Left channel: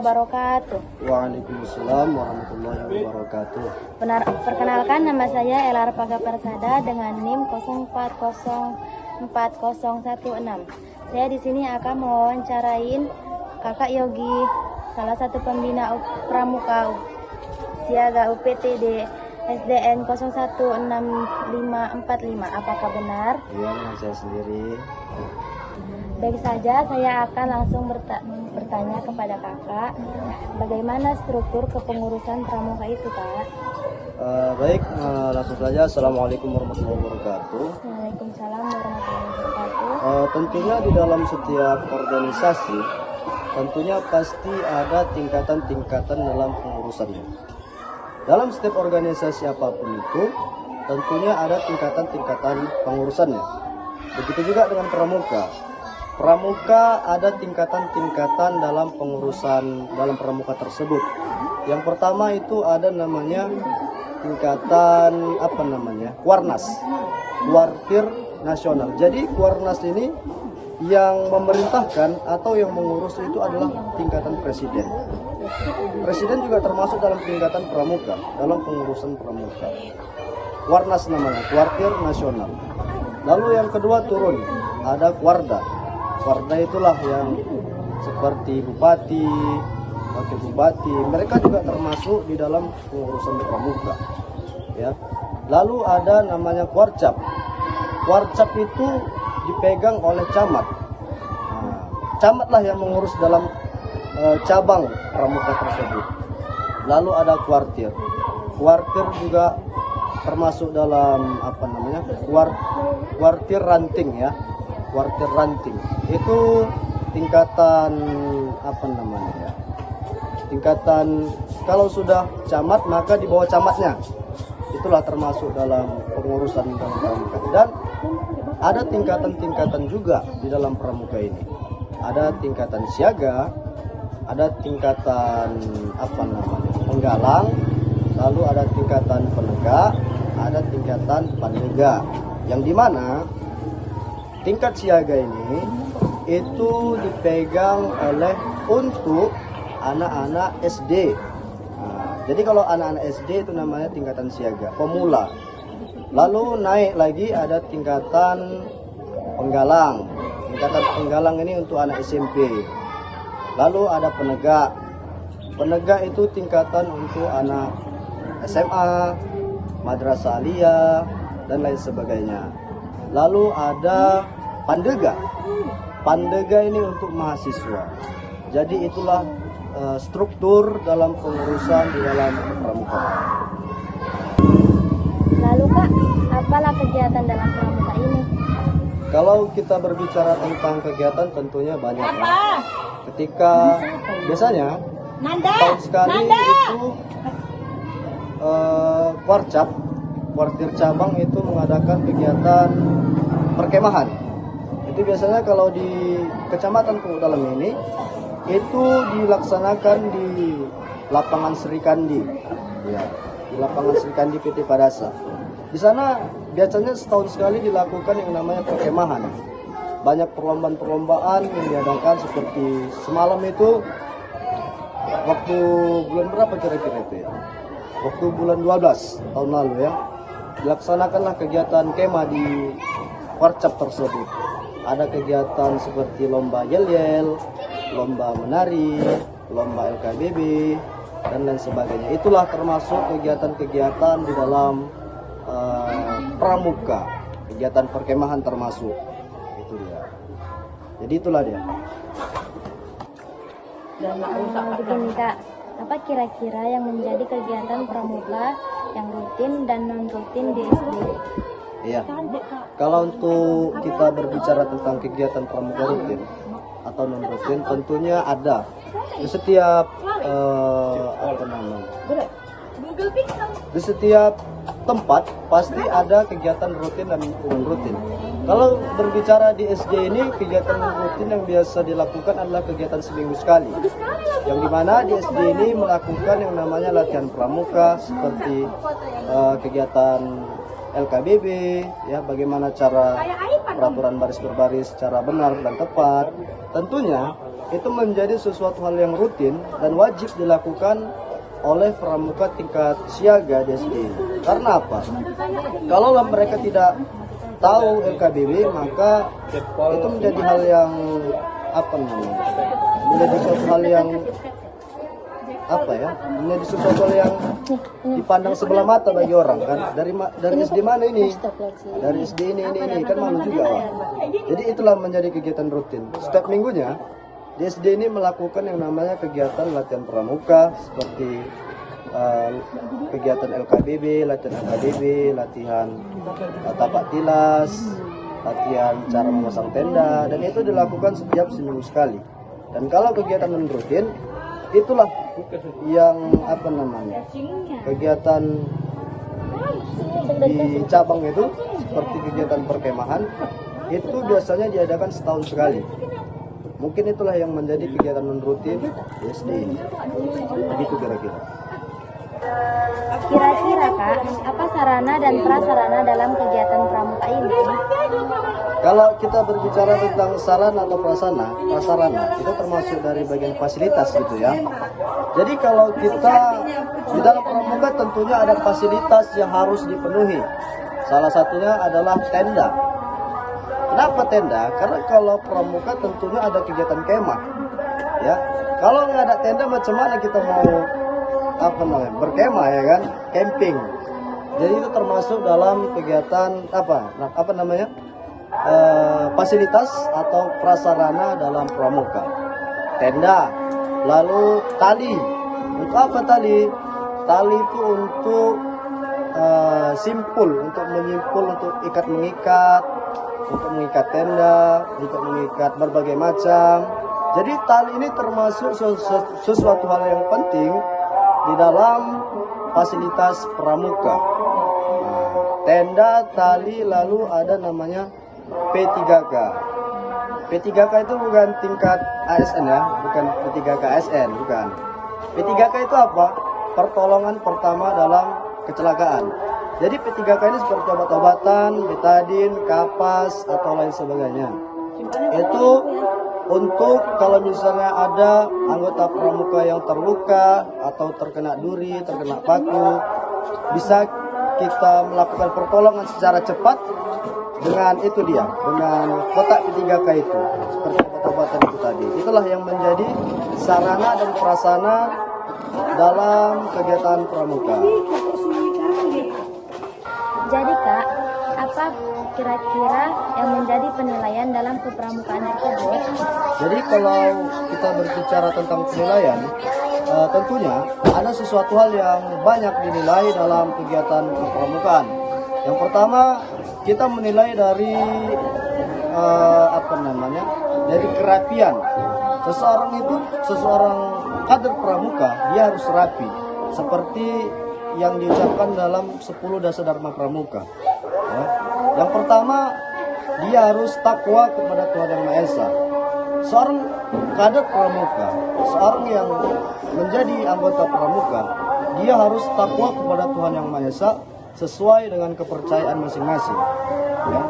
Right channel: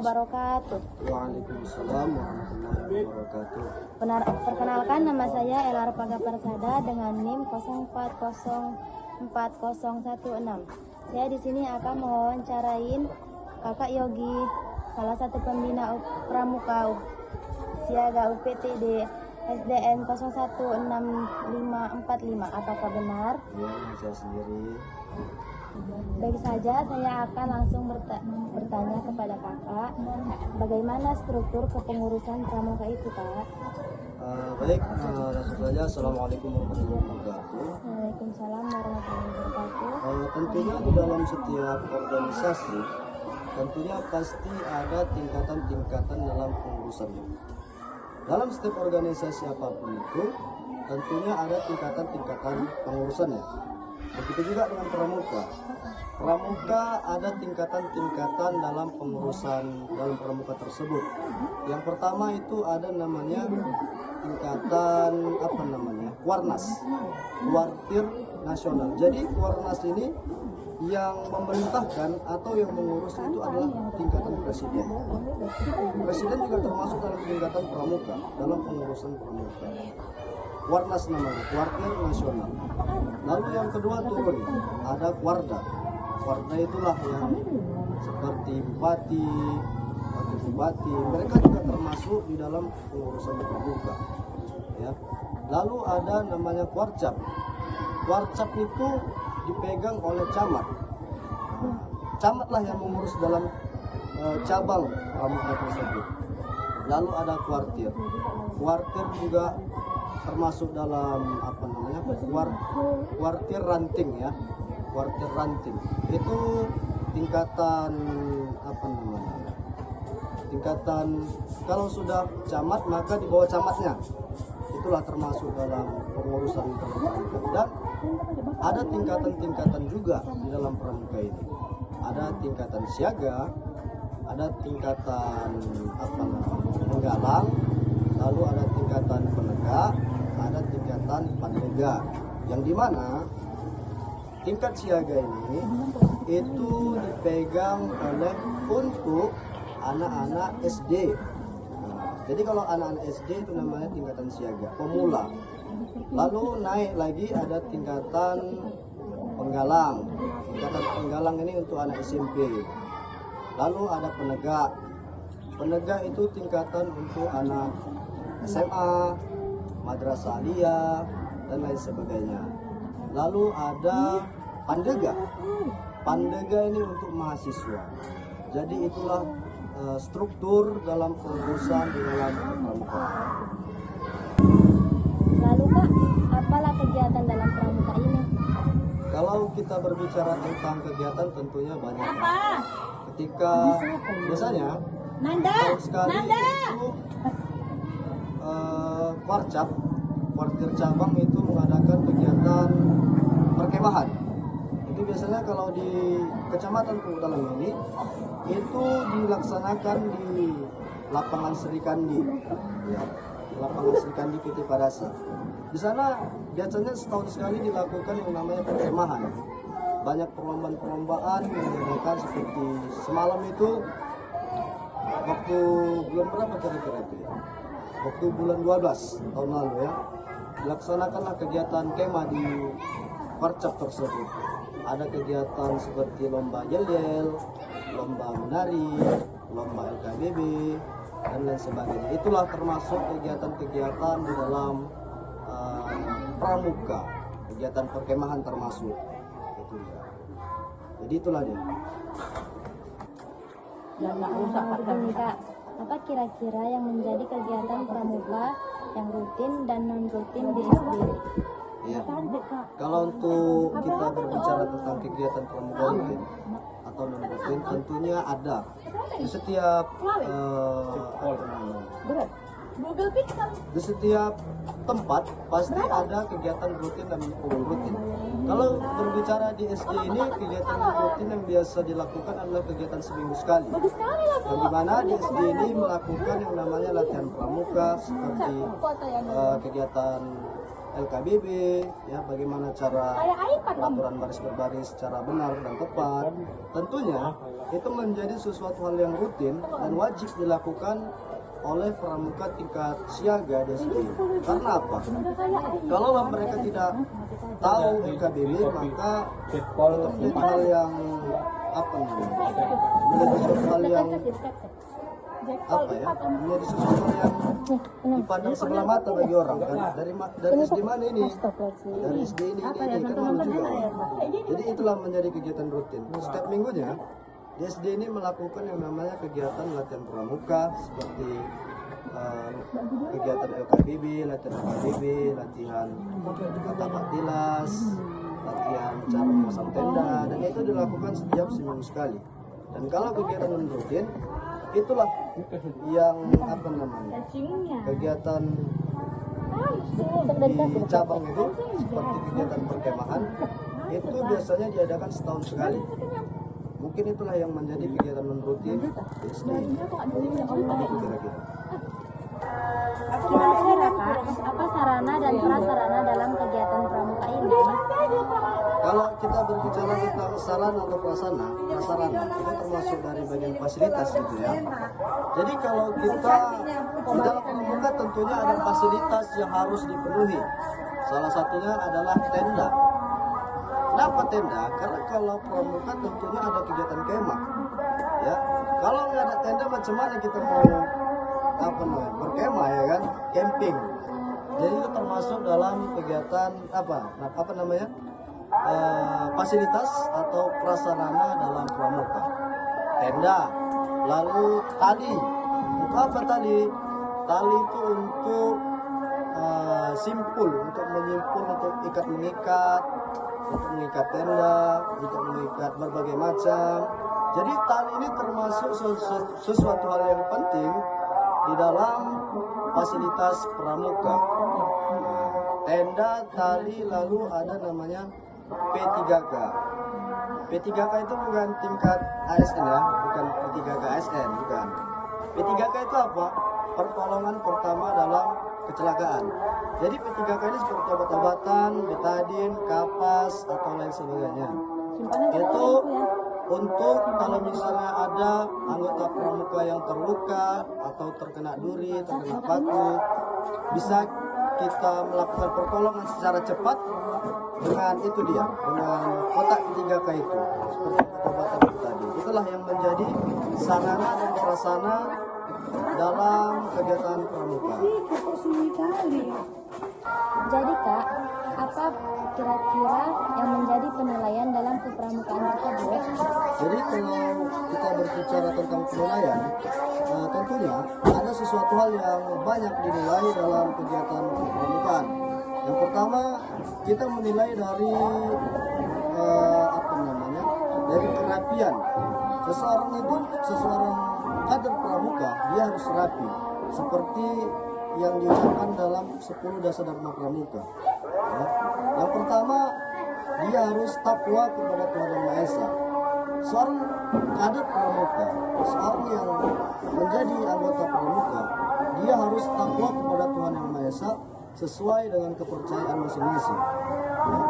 wabarakatuh. Waalaikumsalam warahmatullahi wabarakatuh. Perkenalkan, nama saya Elar Paga Persada dengan NIM 04040116. Saya di sini akan mewawancarain Kakak Yogi, salah satu pembina Pramuka Siaga UPTD SDN 016545. Apakah benar? Iya, saya sendiri. Baik saja, saya akan langsung bertanya kepada kakak, bagaimana struktur kepengurusan pramuka itu, Kak? Baik, langsung saja. Assalamualaikum warahmatullahi wabarakatuh. Waalaikumsalam warahmatullahi wabarakatuh. Tentunya di dalam setiap organisasi, tentunya pasti ada tingkatan-tingkatan dalam pengurusannya. Dalam setiap organisasi apapun itu, tentunya ada tingkatan-tingkatan pengurusannya. Begitu juga dengan pramuka. Pramuka ada tingkatan-tingkatan dalam pengurusan dalam pramuka tersebut. Yang pertama itu ada namanya tingkatan Warnas, Kuartir Nasional. Jadi Warnas ini yang memerintahkan atau yang mengurus itu adalah tingkatan presiden. Presiden juga termasuk dalam tingkatan pramuka, dalam pengurusan pramuka. Warnas namanya, Kuartir Nasional. Lalu yang kedua turun, ada Kuarda. Kuarda itulah yang seperti bupati, wakil bupati, mereka juga termasuk di dalam pengurusan pramuka. Ya. Lalu ada namanya Kuarcap. Kuarcap itu dipegang oleh camat. Camatlah yang mengurus dalam cabang pramuka tersebut. Lalu ada Kuartir. Kuartir juga termasuk dalam kuartir ranting ya. Kuartir ranting itu tingkatan tingkatan kalau sudah camat maka di bawah camatnya, itulah termasuk dalam pengurusan dalam pramuka. Dan ada tingkatan-tingkatan juga di dalam pramuka ini. Ada tingkatan siaga, ada tingkatan penggalang, lalu ada tingkatan penegak, ada tingkatan pandega. Yang dimana tingkat siaga ini itu dipegang oleh untuk anak-anak SD. Jadi kalau anak-anak SD itu namanya tingkatan siaga, pemula. Lalu naik lagi ada tingkatan penggalang. Tingkatan penggalang ini untuk anak SMP. Lalu ada penegak. Penegak itu tingkatan untuk anak SMA, madrasah aliyah, dan lain sebagainya. Lalu ada pandega. Pandega ini untuk mahasiswa. Jadi itulah struktur dalam pengurusan di dalam pramuka. Lalu Kak, apalah kegiatan dalam pramuka ini? Kalau kita berbicara tentang kegiatan tentunya banyak. Ya. Ketika biasanya tahun sekali itu Kuartir cabang itu mengadakan kegiatan perkemahan. Itu biasanya kalau di Kecamatan Pulau Dalam ini itu dilaksanakan di lapangan Serikandi, ya, di lapangan Serikandi PT Padasa. Di sana biasanya setahun sekali dilakukan yang namanya perkemahan. Banyak perlombaan-perlombaan yang diadakan seperti semalam itu waktu bulan berapa kira-kira itu ya? Waktu bulan 12 tahun lalu ya. Dilaksanakanlah kegiatan kemah di Kuarcap tersebut. Ada kegiatan seperti lomba yel-yel, lomba menari, lomba LKBB, dan lain sebagainya. Itulah termasuk kegiatan-kegiatan di dalam pramuka, kegiatan perkemahan termasuk. Itu dia. Jadi itulah dia. Begini Kak, apa kira-kira yang menjadi kegiatan pramuka yang rutin dan non-rutin di SD? Iya. Kalau untuk kita berbicara tentang kegiatan pramuka rutin atau non rutin, tentunya ada di setiap di setiap tempat pasti ada kegiatan rutin dan non rutin. Kalau berbicara di SD ini, kegiatan rutin yang biasa dilakukan adalah kegiatan seminggu sekali, yang dimana di SD ini melakukan yang namanya latihan pramuka seperti kegiatan LKBB, ya, bagaimana cara peraturan baris berbaris secara benar dan tepat. Tentunya itu menjadi sesuatu hal yang rutin dan wajib dilakukan oleh pramuka tingkat siaga di SD. Karena apa? Kalau mereka tidak tahu LKBB, maka itu menjadi hal yang menjadi sesuatu hal yang menjadi sesuatu hal yang dipandang sebelah mata bagi orang kan. Dari SD mana ini? Dari SD ini kan malu juga orang. Jadi itulah menjadi kegiatan rutin. Setiap minggunya di SD ini melakukan yang namanya kegiatan latihan pramuka seperti kegiatan LKBB, latihan tapak tilas, latihan cara memasang tenda, dan itu dilakukan setiap seminggu sekali. Dan kalau kegiatan rutin, itulah yang kegiatan di cabang itu seperti kegiatan perkemahan itu biasanya diadakan setahun sekali. Mungkin itulah yang menjadi kegiatan rutin di SD ini. Begitu kira-kira. Kira-kira Kak, apa sarana dan prasarana dalam kegiatan pramuka ini? Kalau kita berbicara tentang sarana atau prasarana itu termasuk dari bagian fasilitas gitu ya. Jadi kalau kita di dalam pramuka tentunya ada fasilitas yang harus dipenuhi. Salah satunya adalah tenda. Kenapa tenda? Karena kalau pramuka tentunya ada kegiatan kemah. Ya, kalau nggak ada tenda macam mana kita mau berkemah ya kan? Camping. Jadi itu termasuk dalam kegiatan fasilitas atau prasarana dalam pramuka. Tenda, lalu tali. Untuk apa tali? Tali itu untuk simpul, untuk menyimpul, untuk mengikat, untuk mengikat tenda, untuk mengikat berbagai macam. Jadi tali ini termasuk sesuatu hal yang penting di dalam fasilitas pramuka. Tenda, tali, lalu ada namanya P3K. P3K itu bukan tingkat ASN ya, bukan P3K ASN, bukan. P3K itu apa? Pertolongan pertama dalam kecelakaan. Jadi P3K ini seperti obat-obatan, betadin, kapas, atau lain sebagainya. Itu untuk kalau misalnya ada anggota pramuka yang terluka atau terkena duri, terkena paku, bisa kita melakukan pertolongan secara cepat dengan dengan kotak P3K itu, seperti obat-obatan itu tadi. Itulah yang menjadi sarana dan prasarana dalam kegiatan pramuka. Jadi Kak, apa kira-kira yang menjadi penilaian dalam kepramukaan tersebut? Jadi kalau kita berbicara tentang penilaian, tentunya ada sesuatu hal yang banyak dinilai dalam kegiatan kepramukaan. Yang pertama, kita menilai dari dari kerapian. Seseorang kader pramuka, dia harus rapi, seperti yang diucapkan dalam 10 dasar dharma pramuka. Ya. Yang pertama, dia harus takwa kepada Tuhan Yang Maha Esa. Seorang kader pramuka, seorang yang menjadi anggota pramuka, dia harus takwa kepada Tuhan Yang Maha Esa sesuai dengan kepercayaan masing-masing. Ya.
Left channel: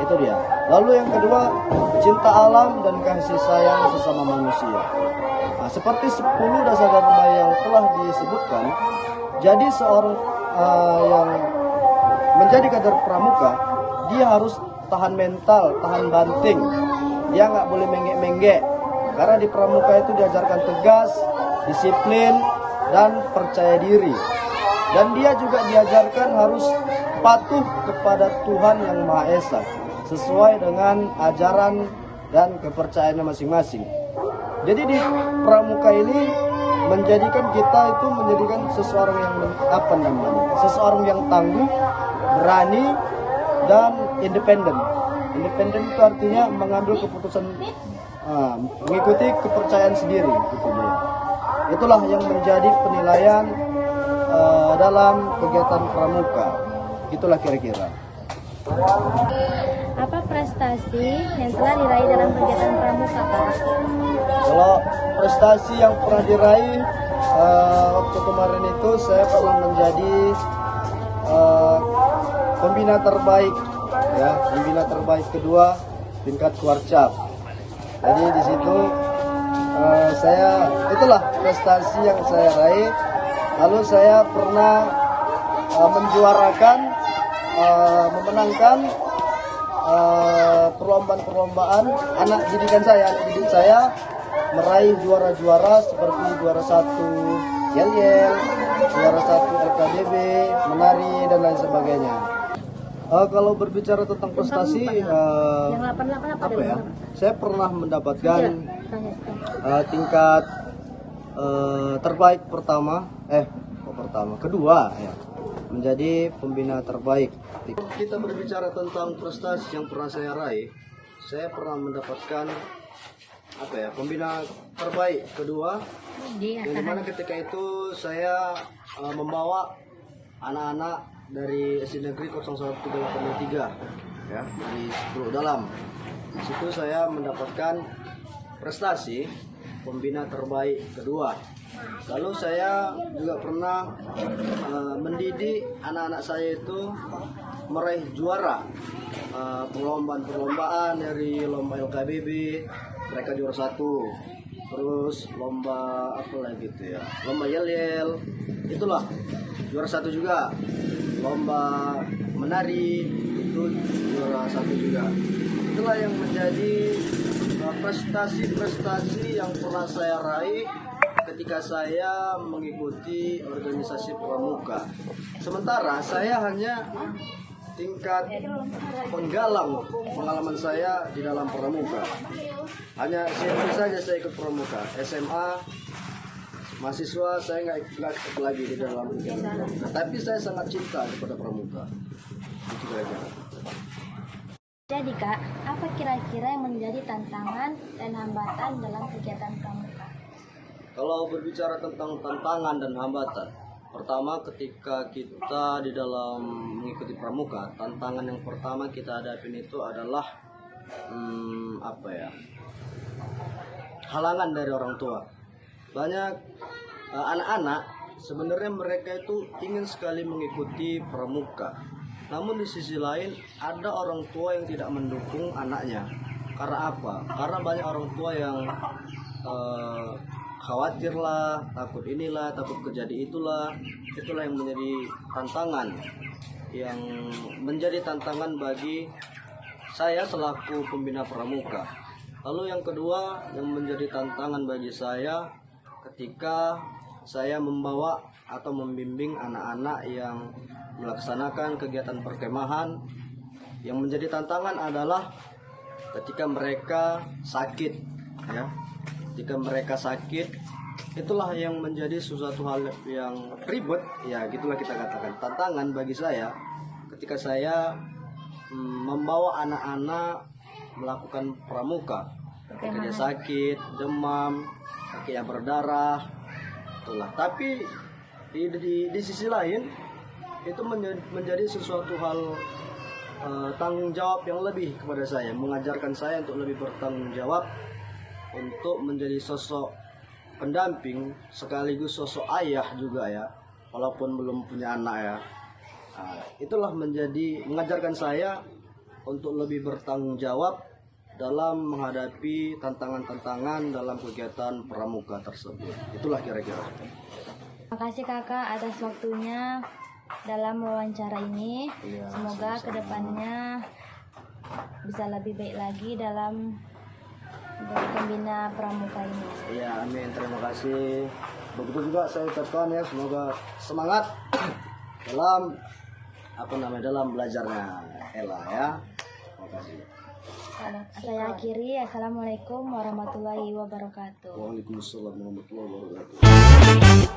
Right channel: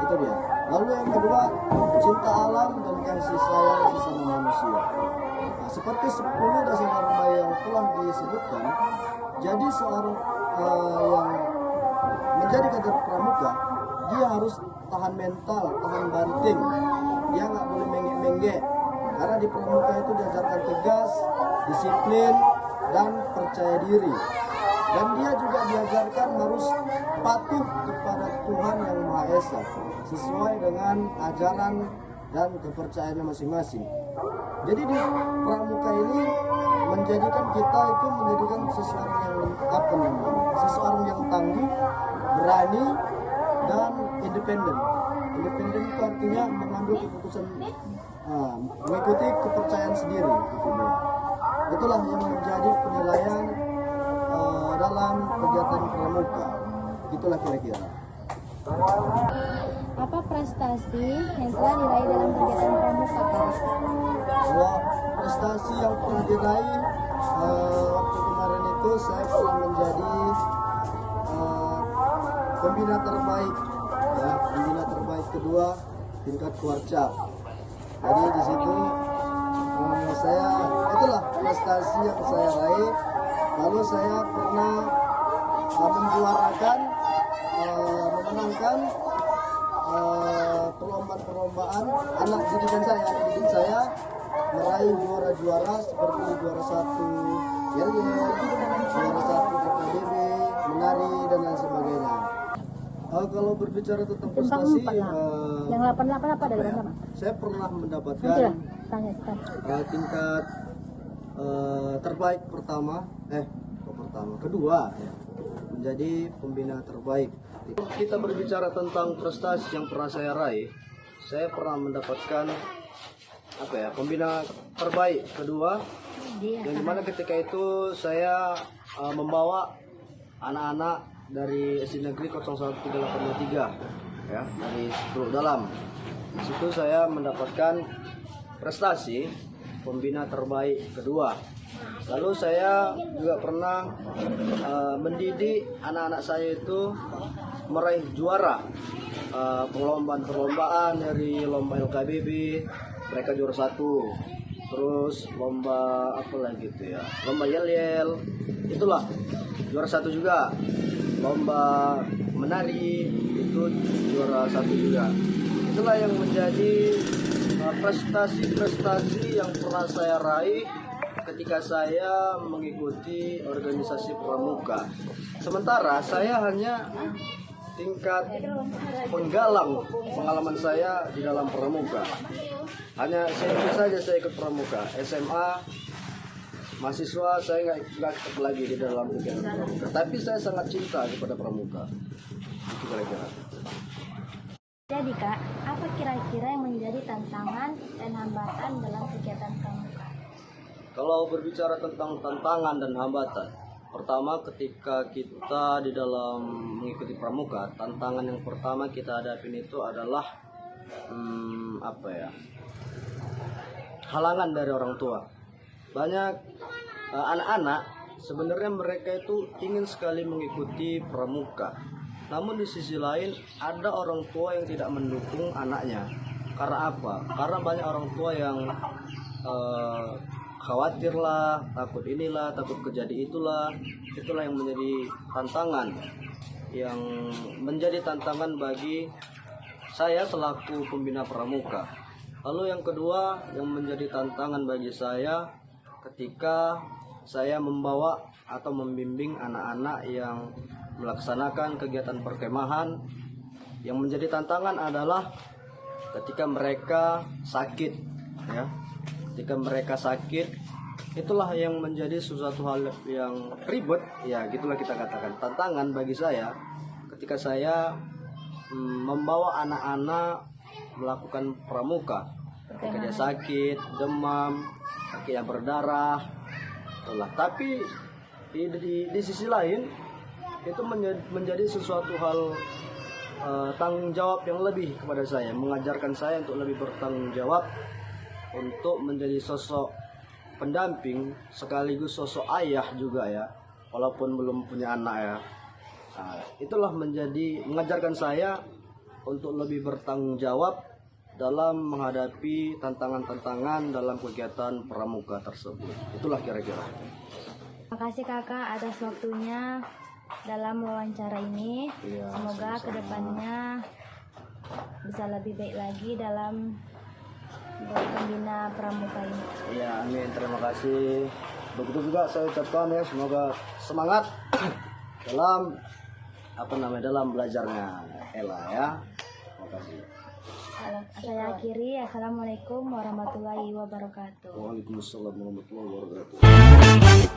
Itu dia. Lalu yang kedua, cinta alam dan kasih sayang sesama manusia. Nah, seperti 10 dasar dharma yang telah disebutkan, jadi seorang yang menjadi kader pramuka, dia harus tahan mental, tahan banting. Dia nggak boleh menggek-menggek. Karena di pramuka itu diajarkan tegas, disiplin, dan percaya diri. Dan dia juga diajarkan harus patuh kepada Tuhan Yang Maha Esa, sesuai dengan ajaran dan kepercayaannya masing-masing. Jadi di pramuka ini menjadikan kita itu menjadikan seseorang yang seseorang yang tangguh, berani, dan independen. Independen itu artinya mengambil keputusan, mengikuti kepercayaan sendiri, gitu dia. Itulah yang menjadi penilaian dalam kegiatan pramuka. Itulah kira-kira. Apa prestasi yang telah diraih dalam kegiatan pramuka, Pak? Kalau prestasi yang pernah diraih waktu kemarin itu, saya pernah menjadi pembina terbaik, ya, pembina terbaik kedua tingkat Kuarcap. Jadi di situ itulah prestasi yang saya raih. Lalu saya pernah menjuarakan, memenangkan perlombaan anak didik saya meraih juara-juara seperti juara 1 yel-yel, juara 1 LKBB, menari dan lain sebagainya. Kalau berbicara tentang prestasi, yang 88 apa dari ya? mana? Saya pernah mendapatkan tingkat terbaik kedua ya, menjadi pembina terbaik. Kita berbicara tentang prestasi yang pernah saya raih, saya pernah mendapatkan pembina terbaik kedua, yang dimana ketika itu saya membawa anak-anak dari SD Negeri 01383 ya, dari 10 dalam. Di situ saya mendapatkan prestasi pembina terbaik kedua. Lalu saya juga pernah mendidik anak-anak saya itu meraih juara perlombaan dari lomba LKBB, mereka juara 1. Terus lomba apa lagi itu ya, lomba yel-yel, itulah juara 1 juga. Lomba menari itu juara 1 juga. Itulah yang menjadi prestasi-prestasi yang pernah saya raih ketika saya mengikuti organisasi pramuka. Sementara saya hanya tingkat penggalang pengalaman saya di dalam pramuka. Hanya sedikit saja saya ikut pramuka. SMA mahasiswa saya nggak ikut lagi di dalam pramuka. Tapi saya sangat cinta kepada pramuka. Itu kira-kira. Jadi Kak, apa kira-kira yang menjadi tantangan dan hambatan dalam kegiatan pramuka? Kalau berbicara tentang tantangan dan hambatan, pertama ketika kita di dalam mengikuti pramuka, tantangan yang pertama kita hadapin itu adalah halangan dari orang tua. Banyak anak-anak sebenarnya mereka itu ingin sekali mengikuti pramuka, namun di sisi lain ada orang tua yang tidak mendukung anaknya. Karena apa? Karena banyak orang tua yang khawatir lah, takut inilah, takut kejadian itulah. Itulah yang menjadi tantangan, yang menjadi tantangan bagi saya selaku pembina pramuka. Lalu yang kedua yang menjadi tantangan bagi saya ketika saya membawa atau membimbing anak-anak yang melaksanakan kegiatan perkemahan, yang menjadi tantangan adalah ketika mereka sakit ya. Ketika mereka sakit, itulah yang menjadi sesuatu hal yang ribet ya, gitulah kita katakan. Tantangan bagi saya ketika saya membawa anak-anak melakukan pramuka, ketika dia sakit, demam, kakinya berdarah, itulah. Tapi di sisi lain itu menjadi sesuatu hal tanggung jawab yang lebih kepada saya, mengajarkan saya untuk lebih bertanggung jawab, untuk menjadi sosok pendamping sekaligus sosok ayah juga ya, walaupun belum punya anak ya. Itulah mengajarkan saya untuk lebih bertanggung jawab dalam menghadapi tantangan-tantangan dalam kegiatan pramuka tersebut. Itulah kira-kira. Terima kasih Kakak atas waktunya dalam wawancara ini. Ya, semoga sama-sama. kedepannya bisa lebih baik lagi dalam pembina pramuka ini. Ya, amin. Terima kasih. Begitu juga saya ucapkan ya, semoga semangat dalam dalam belajarnya Ella ya. Terima kasih. Saya akhiri. Assalamualaikum warahmatullahi wabarakatuh. Waalaikumsalam warahmatullahi wabarakatuh.